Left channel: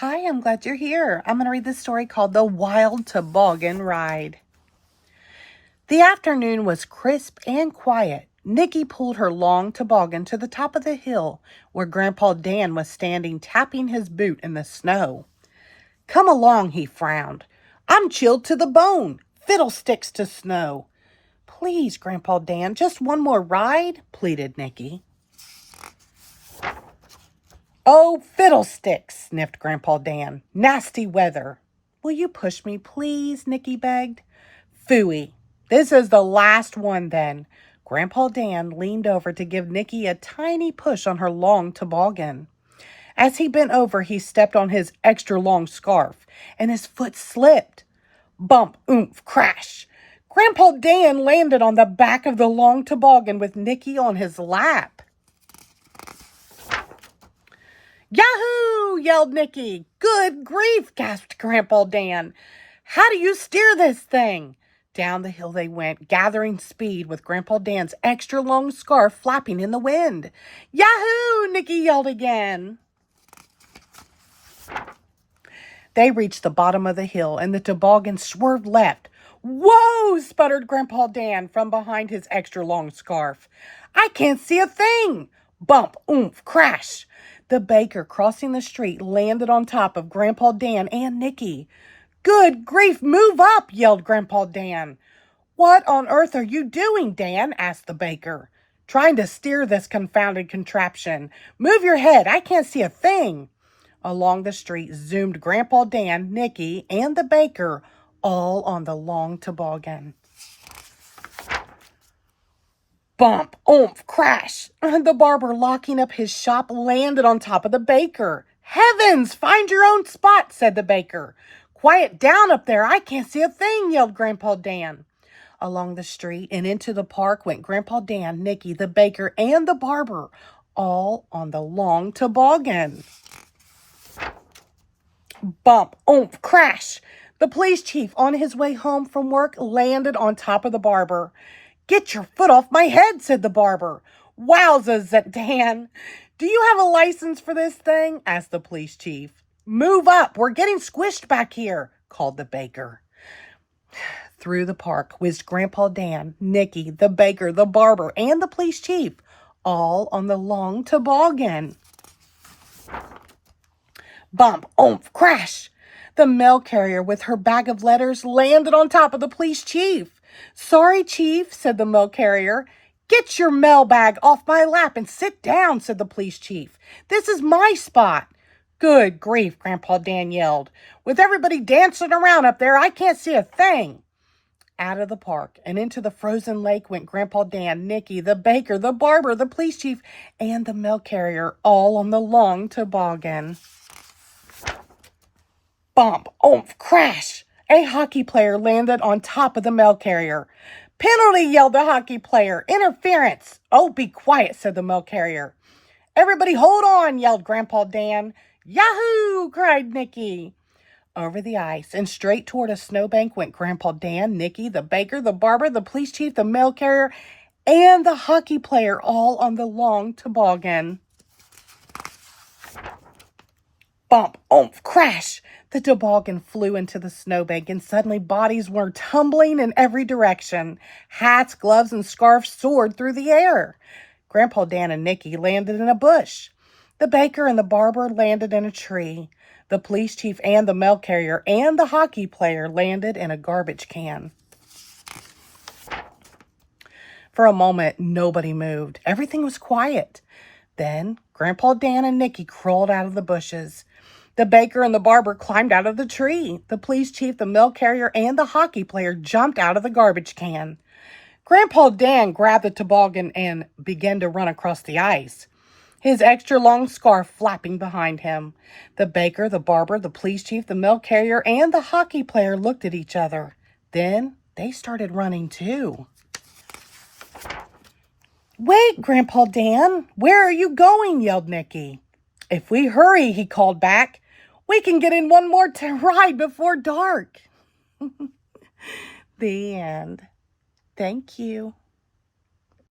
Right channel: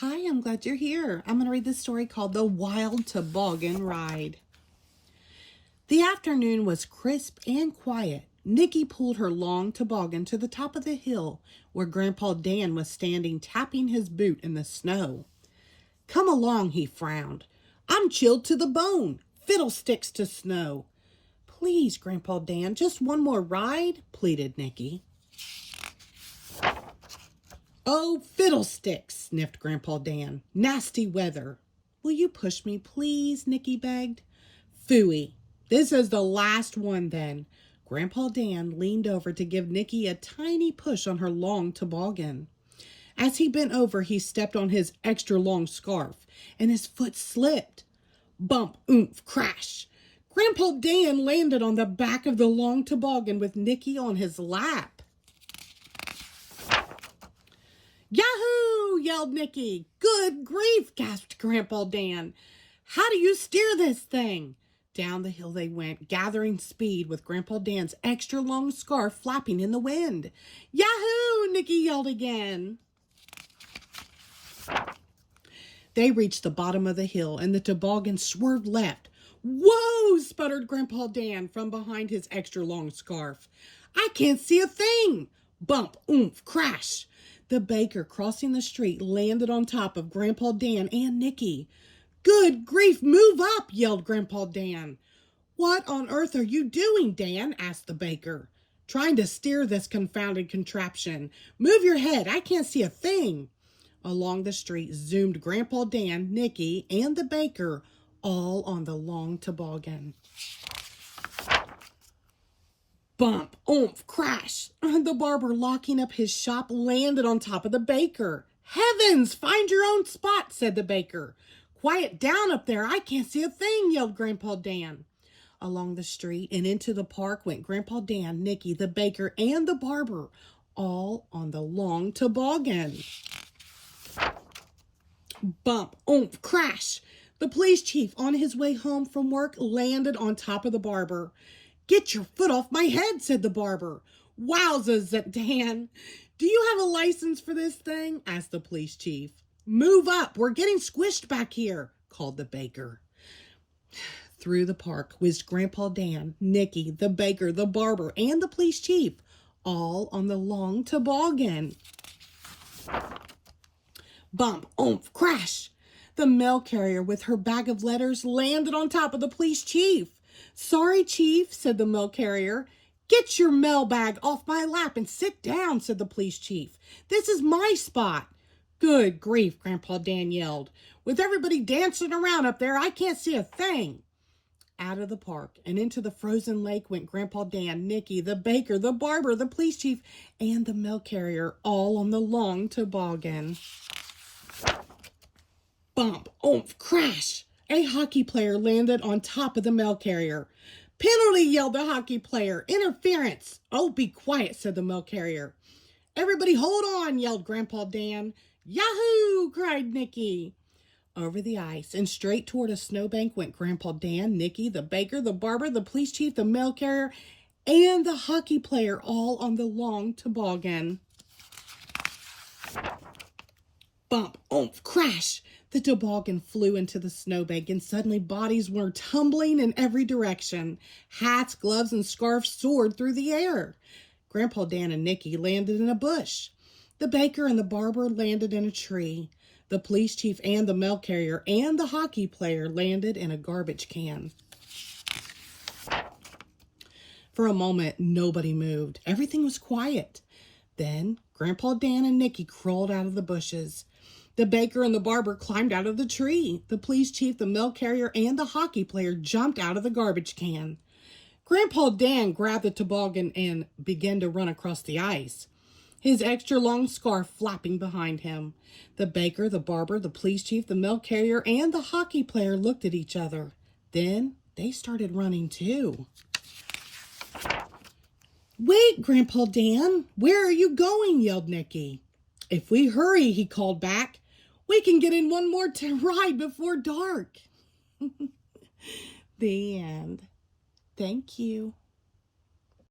Hi, I'm glad you're here. I'm going to read this story called The Wild Toboggan Ride. The afternoon was crisp and quiet. Nikki pulled her long toboggan to the top of the hill where Grandpa Dan was standing tapping his boot in the snow. Come along, he frowned. I'm chilled to the bone. Fiddlesticks to snow. Please, Grandpa Dan, just one more ride, pleaded Nikki. Oh, fiddlesticks, sniffed Grandpa Dan. Nasty weather. Will you push me, please? Nikki begged. Phooey. This is the last one, then. Grandpa Dan leaned over to give Nikki a tiny push on her long toboggan. As he bent over, he stepped on his extra long scarf, and his foot slipped. Bump, oomph, crash. Grandpa Dan landed on the back of the long toboggan with Nikki on his lap. Yahoo! Yelled Nikki. Good grief, gasped Grandpa Dan. How do you steer this thing? Down the hill they went, gathering speed with Grandpa Dan's extra long scarf flapping in the wind. Yahoo! Nikki yelled again. They reached the bottom of the hill and the toboggan swerved left. Whoa! Sputtered Grandpa Dan from behind his extra long scarf. I can't see a thing. Bump, oomph, crash. The baker crossing the street landed on top of Grandpa Dan and Nikki. Good grief, move up, yelled Grandpa Dan. What on earth are you doing, Dan? Asked the baker. Trying to steer this confounded contraption. Move your head, I can't see a thing. Along the street zoomed Grandpa Dan, Nikki, and the baker, all on the long toboggan. Bump, oomph, crash. The barber, locking up his shop, landed on top of the baker. Heavens, find your own spot, said the baker. Quiet down up there, I can't see a thing, yelled Grandpa Dan. Along the street and into the park went Grandpa Dan, Nikki, the baker, and the barber, all on the long toboggan. Bump, oomph, crash. The police chief, on his way home from work, landed on top of the barber. Get your foot off my head, said the barber. Wowzers, Dan. Do you have a license for this thing? Asked the police chief. Move up, we're getting squished back here, called the baker. Through the park whizzed Grandpa Dan, Nikki, the baker, the barber, and the police chief, all on the long toboggan. Bump, oomph, crash. The mail carrier with her bag of letters landed on top of the police chief. Sorry, Chief, said the mail carrier. Get your mail bag off my lap and sit down, said the police chief. This is my spot. Good grief, Grandpa Dan yelled. With everybody dancing around up there, I can't see a thing. Out of the park and into the frozen lake went Grandpa Dan, Nikki, the baker, the barber, the police chief, and the mail carrier, all on the long toboggan. Bump, oomph, crash. A hockey player landed on top of the mail carrier. Penalty, yelled the hockey player. Interference. Oh, be quiet, said the mail carrier. Everybody hold on, yelled Grandpa Dan. Yahoo, cried Nikki. Over the ice and straight toward a snowbank went Grandpa Dan, Nikki, the baker, the barber, the police chief, the mail carrier, and the hockey player, all on the long toboggan. Bump, oomph, crash. The toboggan flew into the snowbank, and suddenly bodies were tumbling in every direction. Hats, gloves, and scarves soared through the air. Grandpa Dan and Nikki landed in a bush. The baker and the barber landed in a tree. The police chief and the mail carrier and the hockey player landed in a garbage can. For a moment, nobody moved. Everything was quiet. Then Grandpa Dan and Nikki crawled out of the bushes. The baker and the barber climbed out of the tree. The police chief, the mail carrier, and the hockey player jumped out of the garbage can. Grandpa Dan grabbed the toboggan and began to run across the ice, his extra long scarf flapping behind him. The baker, the barber, the police chief, the mail carrier, and the hockey player looked at each other. Then they started running too. Wait, Grandpa Dan, where are you going? Yelled Nikki. If we hurry, he called back, we can get in one more ride before dark. The end. Thank you.